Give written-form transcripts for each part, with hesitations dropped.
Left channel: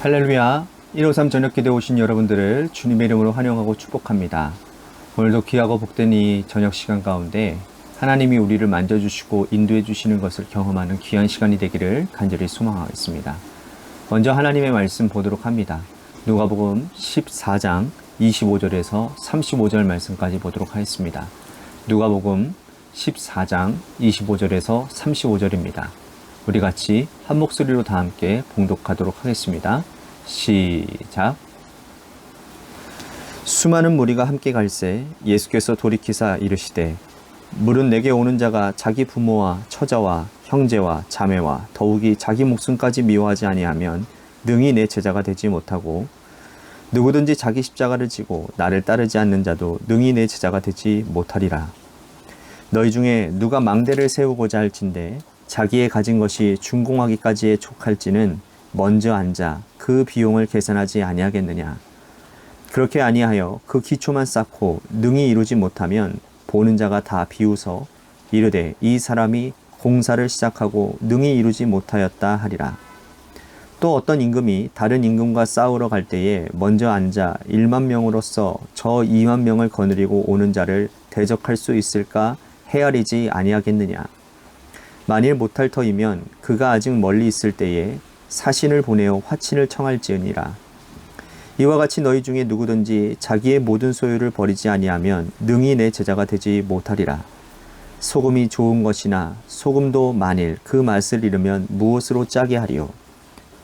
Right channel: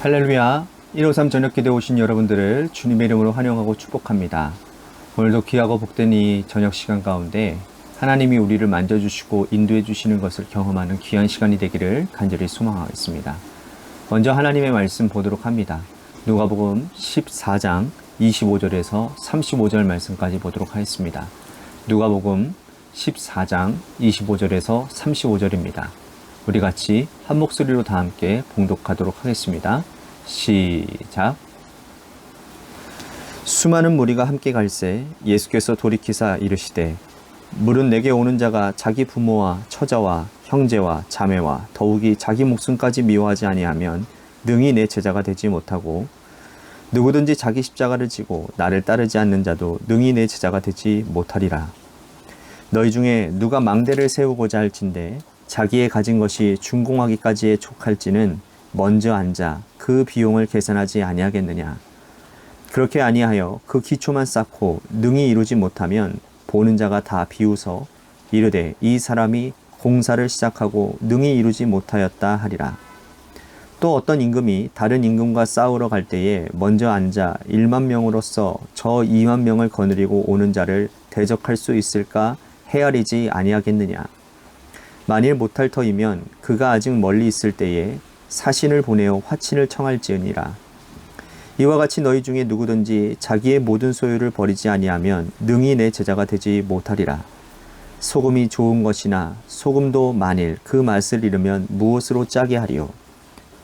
할렐루야. 153 저녁기도에 오신 여러분들을 주님의 이름으로 환영하고 축복합니다. 오늘도 귀하고 복된 이 저녁 시간 가운데 하나님이 우리를 만져주시고 인도해 주시는 것을 경험하는 귀한 시간이 되기를 간절히 소망하겠습니다. 먼저 하나님의 말씀 보도록 합니다. 누가복음 14장 25절에서 35절 말씀까지 보도록 하겠습니다. 누가복음 14장 25절에서 35절입니다. 우리 같이 한 목소리로 다 함께 봉독하도록 하겠습니다. 시작. 수많은 무리가 함께 갈새 예수께서 돌이키사 이르시되 물은 내게 오는 자가 자기 부모와 처자와 형제와 자매와 더욱이 자기 목숨까지 미워하지 아니하면 능히 내 제자가 되지 못하고 누구든지 자기 십자가를 지고 나를 따르지 않는 자도 능히 내 제자가 되지 못하리라. 너희 중에 누가 망대를 세우고자 할진대 자기의 가진 것이 준공하기까지에 촉할지는 먼저 앉아 그 비용을 계산하지 아니하겠느냐. 그렇게 아니하여 그 기초만 쌓고 능히 이루지 못하면 보는 자가 다 비웃어 이르되 이 사람이 공사를 시작하고 능히 이루지 못하였다 하리라. 또 어떤 임금이 다른 임금과 싸우러 갈 때에 먼저 앉아 1만 명으로서 저 2만 명을 거느리고 오는 자를 대적할 수 있을까 헤아리지 아니하겠느냐. 만일 못할 터이면 그가 아직 멀리 있을 때에 사신을 보내어 화친을 청할지으니라. 이와 같이 너희 중에 누구든지 자기의 모든 소유를 버리지 아니하면 능히 내 제자가 되지 못하리라. 소금이 좋은 것이나 소금도 만일 그 맛을 잃으면 무엇으로 짜게 하리요.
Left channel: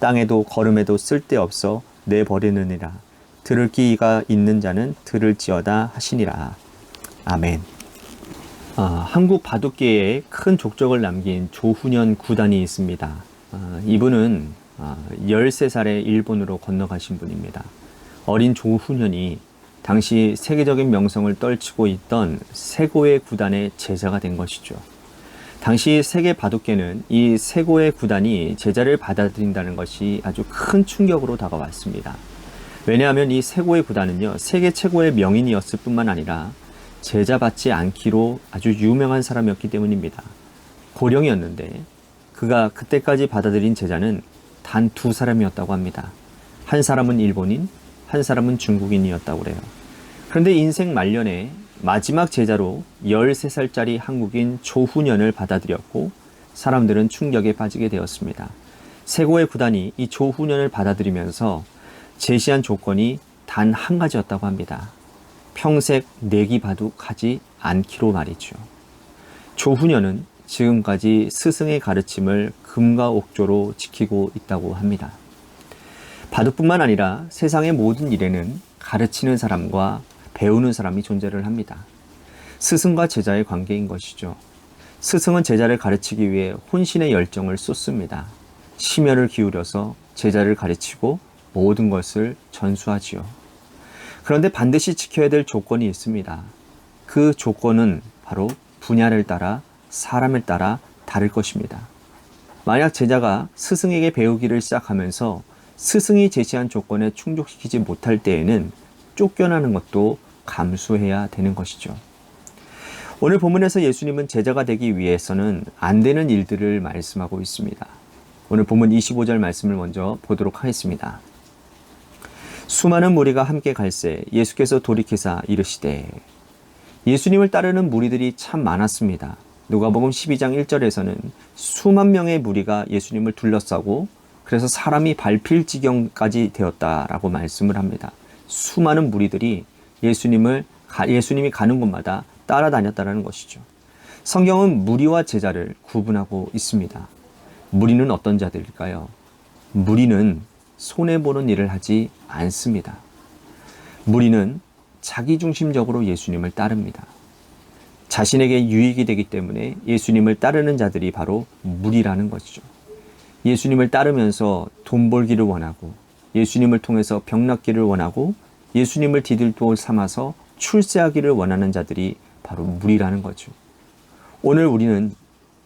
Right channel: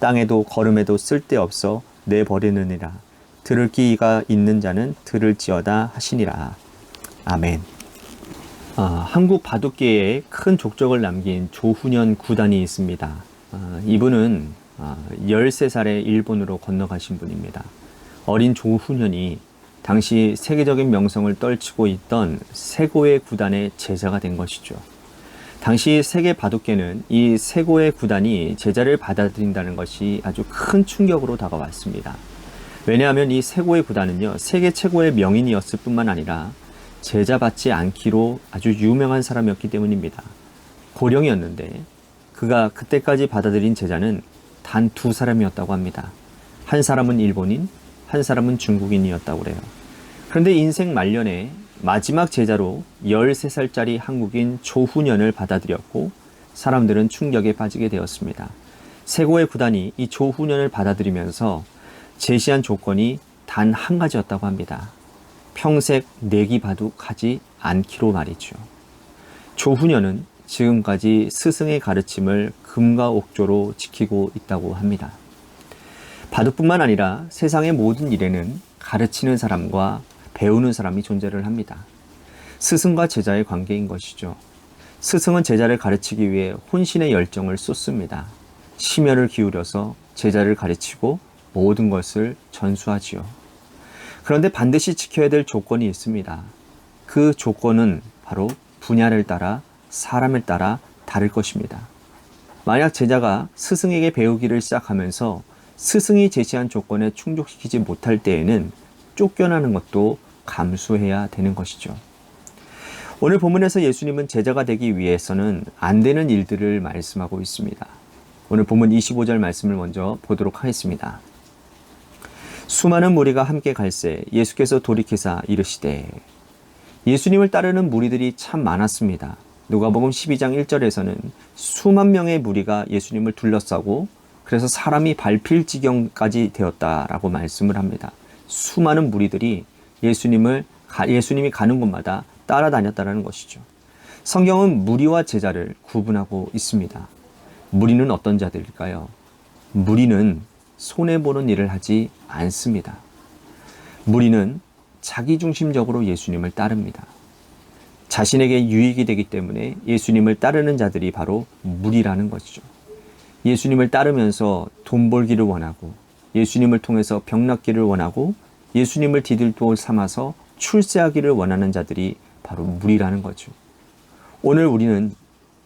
땅에도 거름에도 쓸데없어 내버리느니라. 들을 귀가 있는 자는 들을지어다 하시니라. 아멘. 한국 바둑계에 큰 족적을 남긴 조훈현 구단이 있습니다. 이분은 13살에 일본으로 건너가신 분입니다. 어린 조훈현이 당시 세계적인 명성을 떨치고 있던 세고의 구단의 제자가 된 것이죠. 당시 세계 바둑계는 이 세고의 구단이 제자를 받아들인다는 것이 아주 큰 충격으로 다가왔습니다. 왜냐하면 이 세고의 구단은요, 세계 최고의 명인이었을 뿐만 아니라 제자 받지 않기로 아주 유명한 사람이었기 때문입니다. 고령이었는데 그가 그때까지 받아들인 제자는 단 2사람이었다고 합니다. 한 사람은 일본인, 한 사람은 중국인이었다고 그래요. 그런데 인생 말년에 마지막 제자로 13살짜리 한국인 조훈현을 받아들였고 사람들은 충격에 빠지게 되었습니다. 세고의 구단이 이 조훈현을 받아들이면서 제시한 조건이 단 한 가지였다고 합니다. 평생 내기 바둑하지 않기로 말이죠. 조훈현은 지금까지 스승의 가르침을 금과 옥조로 지키고 있다고 합니다. 바둑뿐만 아니라 세상의 모든 일에는 가르치는 사람과 배우는 사람이 존재를 합니다. 스승과 제자의 관계인 것이죠. 스승은 제자를 가르치기 위해 혼신의 열정을 쏟습니다. 심혈을 기울여서 제자를 가르치고 모든 것을 전수하지요. 그런데 반드시 지켜야 될 조건이 있습니다. 그 조건은 바로 분야를 따라 사람을 따라 다를 것입니다. 만약 제자가 스승에게 배우기를 시작하면서 스승이 제시한 조건에 충족시키지 못할 때에는 쫓겨나는 것도 감수해야 되는 것이죠. 오늘 본문에서 예수님은 제자가 되기 위해서는 안 되는 일들을 말씀하고 있습니다. 오늘 본문 25절 말씀을 먼저 보도록 하겠습니다. 수많은 무리가 함께 갈새 예수께서 돌이키사 이르시되. 예수님을 따르는 무리들이 참 많았습니다. 누가복음 12장 1절에서는 수만 명의 무리가 예수님을 둘러싸고 그래서 사람이 밟힐 지경까지 되었다라고 말씀을 합니다. 수많은 무리들이 예수님이 가는 곳마다 따라다녔다는 것이죠. 성경은 무리와 제자를 구분하고 있습니다. 무리는 어떤 자들일까요? 무리는 손해보는 일을 하지 않습니다. 무리는 자기중심적으로 예수님을 따릅니다. 자신에게 유익이 되기 때문에 예수님을 따르는 자들이 바로 무리라는 것이죠. 예수님을 따르면서 돈 벌기를 원하고 예수님을 통해서 병 낫기를 원하고 예수님을 디딜돌 삼아서 출세하기를 원하는 자들이 바로 무리라는 거죠. 오늘 우리는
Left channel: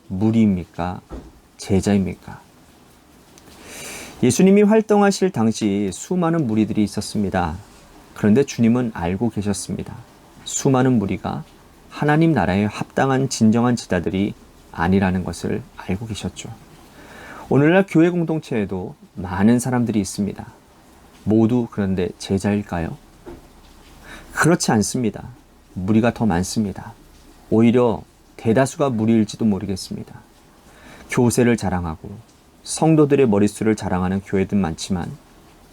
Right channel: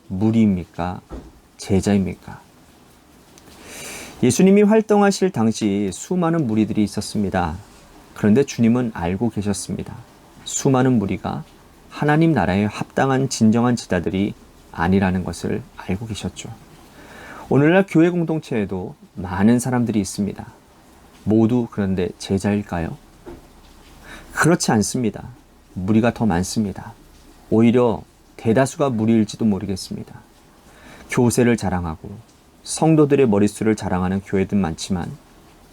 무리입니까? 제자입니까? 예수님이 활동하실 당시 수많은 무리들이 있었습니다. 그런데 주님은 알고 계셨습니다. 수많은 무리가 하나님 나라에 합당한 진정한 제자들이 아니라는 것을 알고 계셨죠. 오늘날 교회 공동체에도 많은 사람들이 있습니다. 모두 그런데 제자일까요? 그렇지 않습니다. 무리가 더 많습니다. 오히려 대다수가 무리일지도 모르겠습니다. 교세를 자랑하고 성도들의 머릿수를 자랑하는 교회들 많지만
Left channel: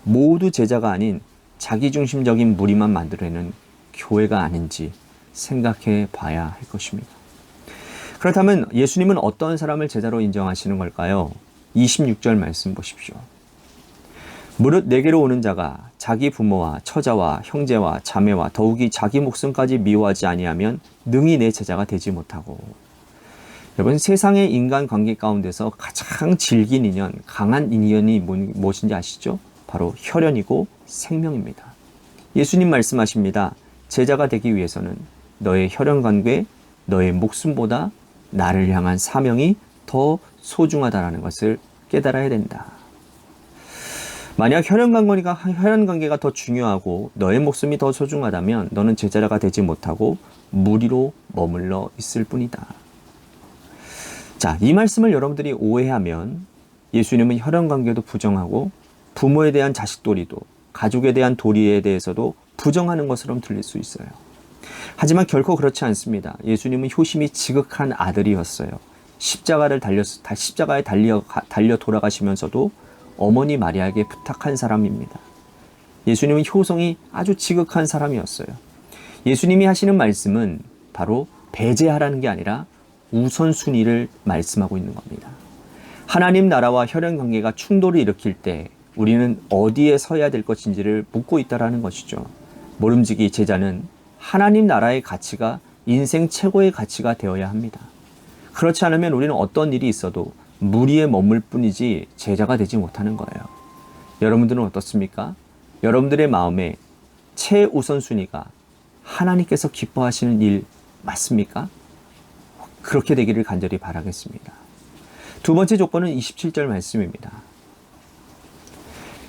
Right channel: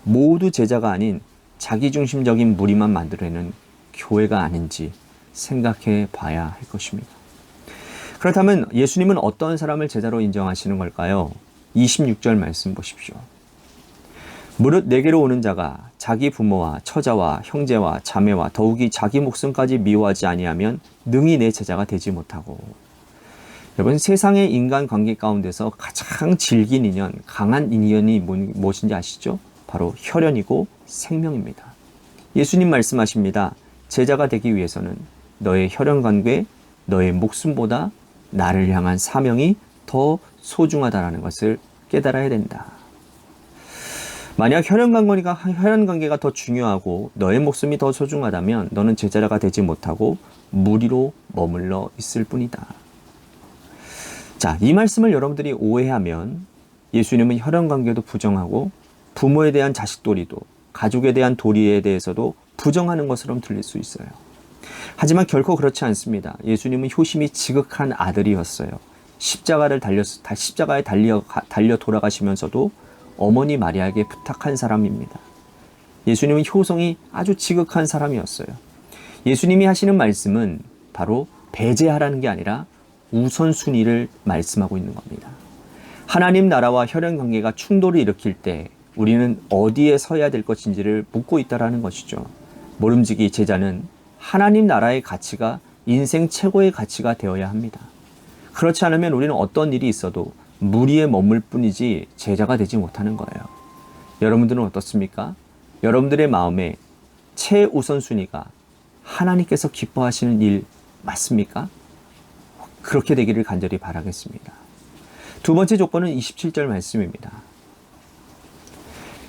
모두 제자가 아닌 자기중심적인 무리만 만들어내는 교회가 아닌지 생각해 봐야 할 것입니다. 그렇다면 예수님은 어떤 사람을 제자로 인정하시는 걸까요? 26절 말씀 보십시오. 무릇 내게로 오는 자가 자기 부모와 처자와 형제와 자매와 더욱이 자기 목숨까지 미워하지 아니하면 능히 내 제자가 되지 못하고. 여러분, 세상의 인간관계 가운데서 가장 질긴 인연, 강한 인연이 무엇인지 아시죠? 바로 혈연이고 생명입니다. 예수님 말씀하십니다. 제자가 되기 위해서는 너의 혈연관계, 너의 목숨보다 나를 향한 사명이 더 소중하다는 것을 깨달아야 된다. 만약 혈연관계가 더 중요하고 너의 목숨이 더 소중하다면 너는 제자가 되지 못하고 무리로 머물러 있을 뿐이다. 자, 이 말씀을 여러분들이 오해하면 예수님은 혈연관계도 부정하고 부모에 대한 자식 도리도, 가족에 대한 도리에 대해서도 부정하는 것처럼 들릴 수 있어요. 하지만 결코 그렇지 않습니다. 예수님은 효심이 지극한 아들이었어요. 십자가에 달려 돌아가시면서도 어머니 마리아에게 부탁한 사람입니다. 예수님은 효성이 아주 지극한 사람이었어요. 예수님이 하시는 말씀은 바로 배제하라는 게 아니라 우선순위를 말씀하고 있는 겁니다. 하나님 나라와 혈연관계가 충돌을 일으킬 때 우리는 어디에 서야 될 것인지를 묻고 있다는 것이죠. 모름지기 제자는 하나님 나라의 가치가 인생 최고의 가치가 되어야 합니다. 그렇지 않으면 우리는 어떤 일이 있어도 무리에 머물 뿐이지 제자가 되지 못하는 거예요. 여러분들은 어떻습니까? 여러분들의 마음에 최우선순위가 하나님께서 기뻐하시는 일 맞습니까? 그렇게 되기를 간절히 바라겠습니다. 두 번째 조건은 27절 말씀입니다.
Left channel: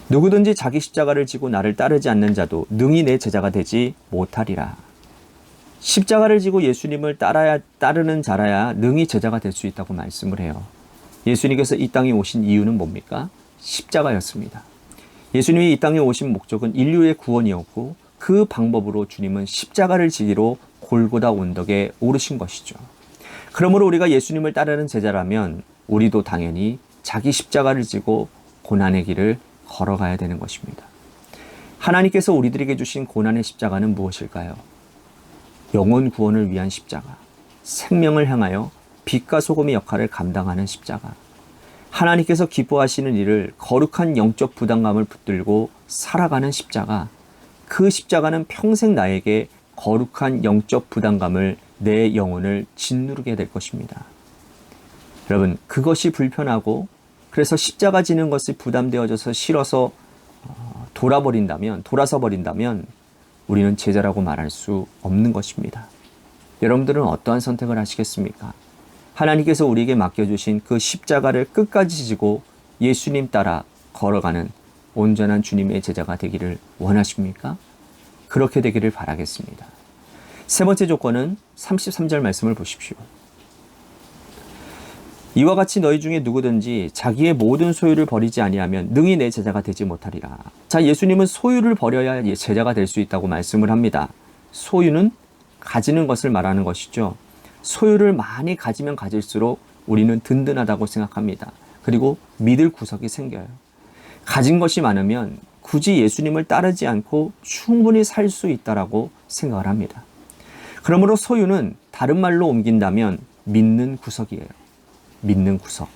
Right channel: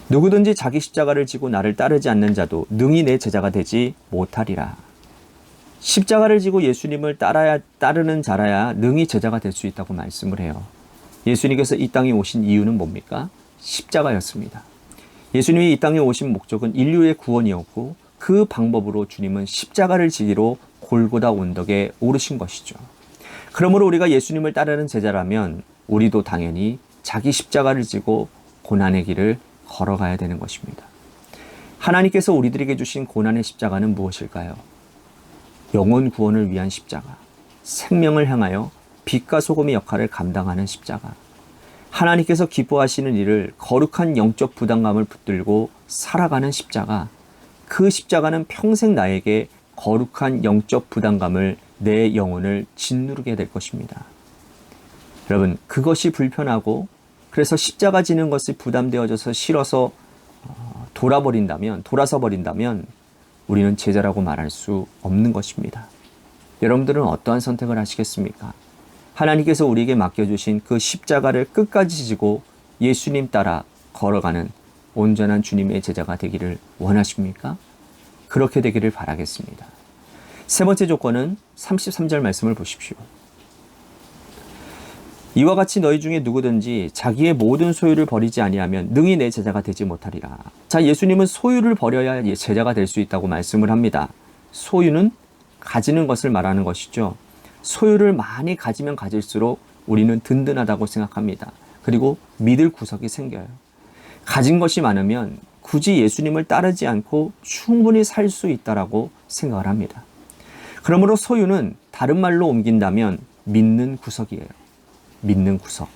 누구든지 자기 십자가를 지고 나를 따르지 않는 자도 능히 내 제자가 되지 못하리라. 십자가를 지고 예수님을 따르는 자라야 능히 제자가 될 수 있다고 말씀을 해요. 예수님께서 이 땅에 오신 이유는 뭡니까? 십자가였습니다. 예수님이 이 땅에 오신 목적은 인류의 구원이었고 그 방법으로 주님은 십자가를 지기로 골고다 언덕에 오르신 것이죠. 그러므로 우리가 예수님을 따르는 제자라면 우리도 당연히 자기 십자가를 지고 고난의 길을 걸어가야 되는 것입니다. 하나님께서 우리들에게 주신 고난의 십자가는 무엇일까요? 영혼 구원을 위한 십자가, 생명을 향하여 빛과 소금의 역할을 감당하는 십자가, 하나님께서 기뻐하시는 일을 거룩한 영적 부담감을 붙들고 살아가는 십자가, 그 십자가는 평생 나에게 거룩한 영적 부담감을, 내 영혼을 짓누르게 될 것입니다. 여러분, 그것이 불편하고 그래서 십자가 지는 것이 부담되어져서 싫어서 돌아서 버린다면 우리는 제자라고 말할 수 없는 것입니다. 여러분들은 어떠한 선택을 하시겠습니까? 하나님께서 우리에게 맡겨주신 그 십자가를 끝까지 지고 예수님 따라 걸어가는 온전한 주님의 제자가 되기를 원하십니까? 그렇게 되기를 바라겠습니다. 세 번째 조건은 33절 말씀을 보십시오. 이와 같이 너희 중에 누구든지 자기의 모든 소유를 버리지 아니하면 능히 내 제자가 되지 못하리라. 자, 예수님은 소유를 버려야 제자가 될 수 있다고 말씀을 합니다. 소유는 가지는 것을 말하는 것이죠. 소유를 많이 가지면 가질수록 우리는 든든하다고 생각합니다. 그리고 믿을 구석이 생겨요. 가진 것이 많으면 굳이 예수님을 따르지 않고 충분히 살 수 있다라고 생각을 합니다. 그러므로 소유는 다른 말로 옮긴다면 믿는 구석이에요. 믿는 구석.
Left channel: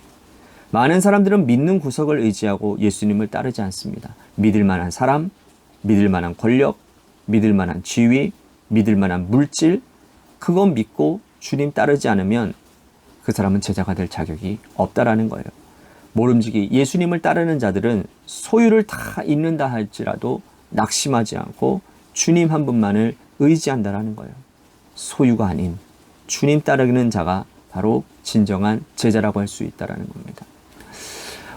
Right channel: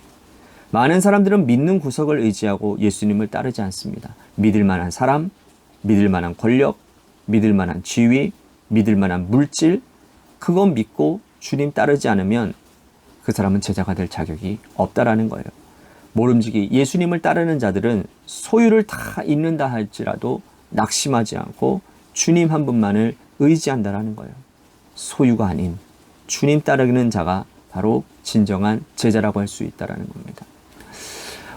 많은 사람들은 믿는 구석을 의지하고 예수님을 따르지 않습니다. 믿을 만한 사람, 믿을 만한 권력, 믿을 만한 지위, 믿을 만한 물질, 그건 믿고 주님 따르지 않으면 그 사람은 제자가 될 자격이 없다라는 거예요. 모름지기 예수님을 따르는 자들은 소유를 다 잃는다 할지라도 낙심하지 않고 주님 한 분만을 의지한다라는 거예요. 소유가 아닌 주님 따르는 자가 바로 진정한 제자라고 할 수 있다라는 겁니다.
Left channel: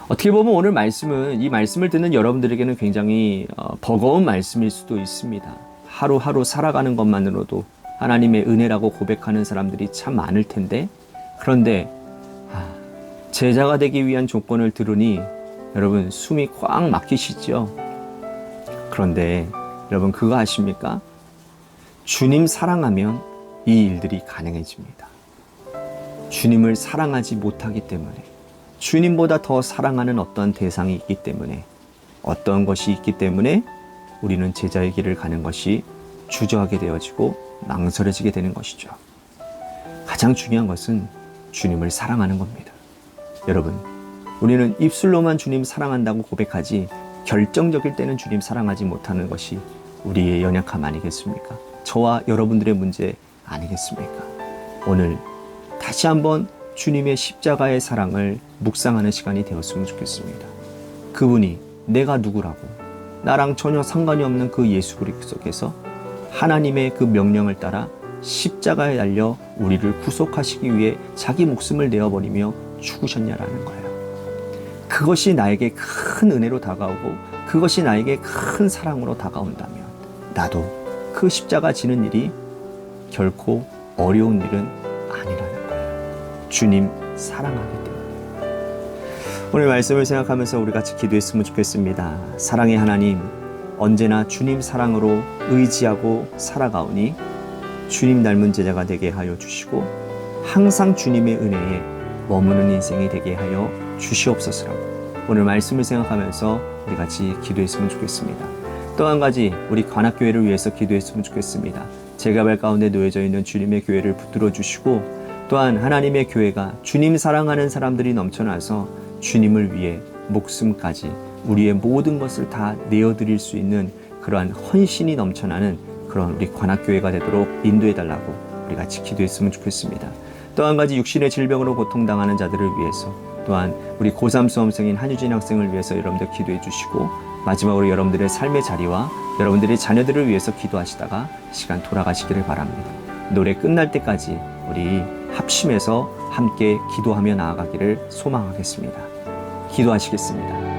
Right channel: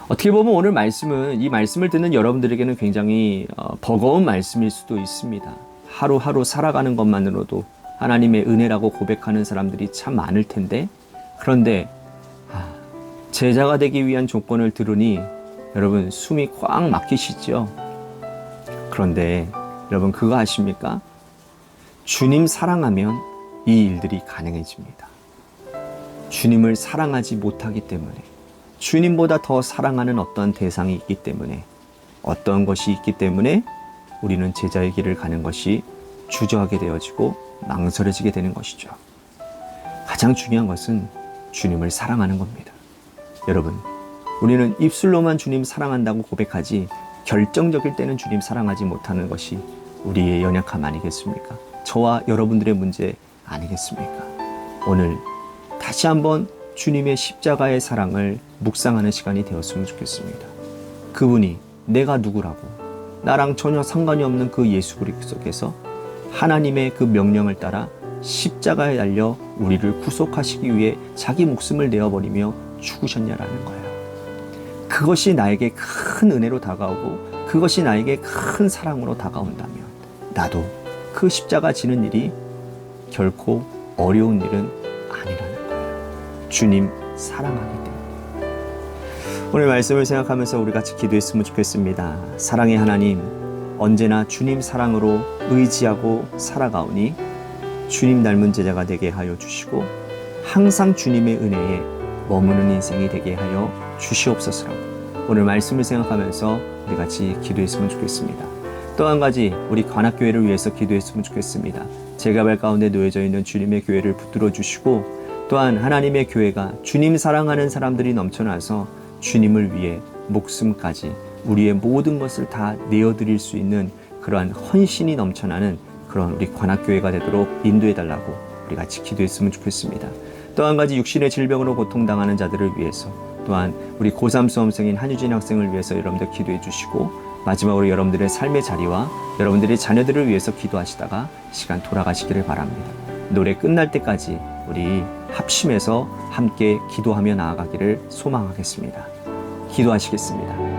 어떻게 보면 오늘 말씀은, 이 말씀을 듣는 여러분들에게는 굉장히 버거운 말씀일 수도 있습니다. 하루하루 살아가는 것만으로도 하나님의 은혜라고 고백하는 사람들이 참 많을 텐데, 그런데 제자가 되기 위한 조건을 들으니 여러분 숨이 꽉 막히시죠? 그런데 여러분 그거 아십니까? 주님 사랑하면 이 일들이 가능해집니다. 주님을 사랑하지 못하기 때문에, 주님보다 더 사랑하는 어떤 대상이 있기 때문에, 어떤 것이 있기 때문에 우리는 제자의 길을 가는 것이 주저하게 되어지고 망설여지게 되는 것이죠. 가장 중요한 것은 주님을 사랑하는 겁니다. 여러분, 우리는 입술로만 주님 사랑한다고 고백하지 결정적일 때는 주님 사랑하지 못하는 것이 우리의 연약함 아니겠습니까? 저와 여러분들의 문제 아니겠습니까? 오늘 다시 한번 주님의 십자가의 사랑을 묵상하는 시간이 되었으면 좋겠습니다. 그분이 내가 누구라고, 나랑 전혀 상관이 없는 그 예수 그리스도께서 하나님의 그 명령을 따라 십자가에 달려 우리를 구속하시기 위해 자기 목숨을 내어버리며 죽으셨냐라는 거예요. 그것이 나에게 큰 은혜로 다가오고 그것이 나에게 큰 사랑으로 다가온다면 나도 그 십자가 지는 일이 결코 어려운 일은 아니라는 거예요. 주님 사랑하기 때문에. 오늘 말씀을 생각하면서 우리 같이 기도했으면 좋겠습니다. 사랑의 하나님, 언제나 주님 사랑으로 의지하고 살아가오니 주님 닮은 제자가 되게 하여 주시고 항상 주님의 은혜에 머무는 인생이 되게 하여 주시옵소서라고 오늘 말씀을 생각하면서 우리 같이 기도했으면 좋겠습니다. 또 한 가지 우리 관악교회를 위해서 기도했으면 좋겠습니다. 제가발 가운데 놓여져 있는 주님의 교회를 붙들어 주시고 또한 하나님의 교회가 주님 사랑하는 사람들이 넘쳐나서 주님을 위해 목숨까지 우리의 모든 것을 다 내어드릴 수 있는 그러한 헌신이 넘쳐나는 그런 우리 관악교회가 되도록 인도해달라고 우리 같이 기도했으면 좋겠습니다. 또 한 가지 육신의 질병으로 고통당하는 자들을 위해서 또한 우리 고3 수험생인 한유진 학생을 위해서 여러분들 기도해 주시고 마지막으로 여러분들의 삶의 자리와 여러분들의 자녀들을 위해서 기도하시다가 시간 돌아가시기를 바랍니다. 노래 끝날 때까지 우리 합심해서 함께 기도하며 나아가기를 소망하겠습니다. 기도하시겠습니다.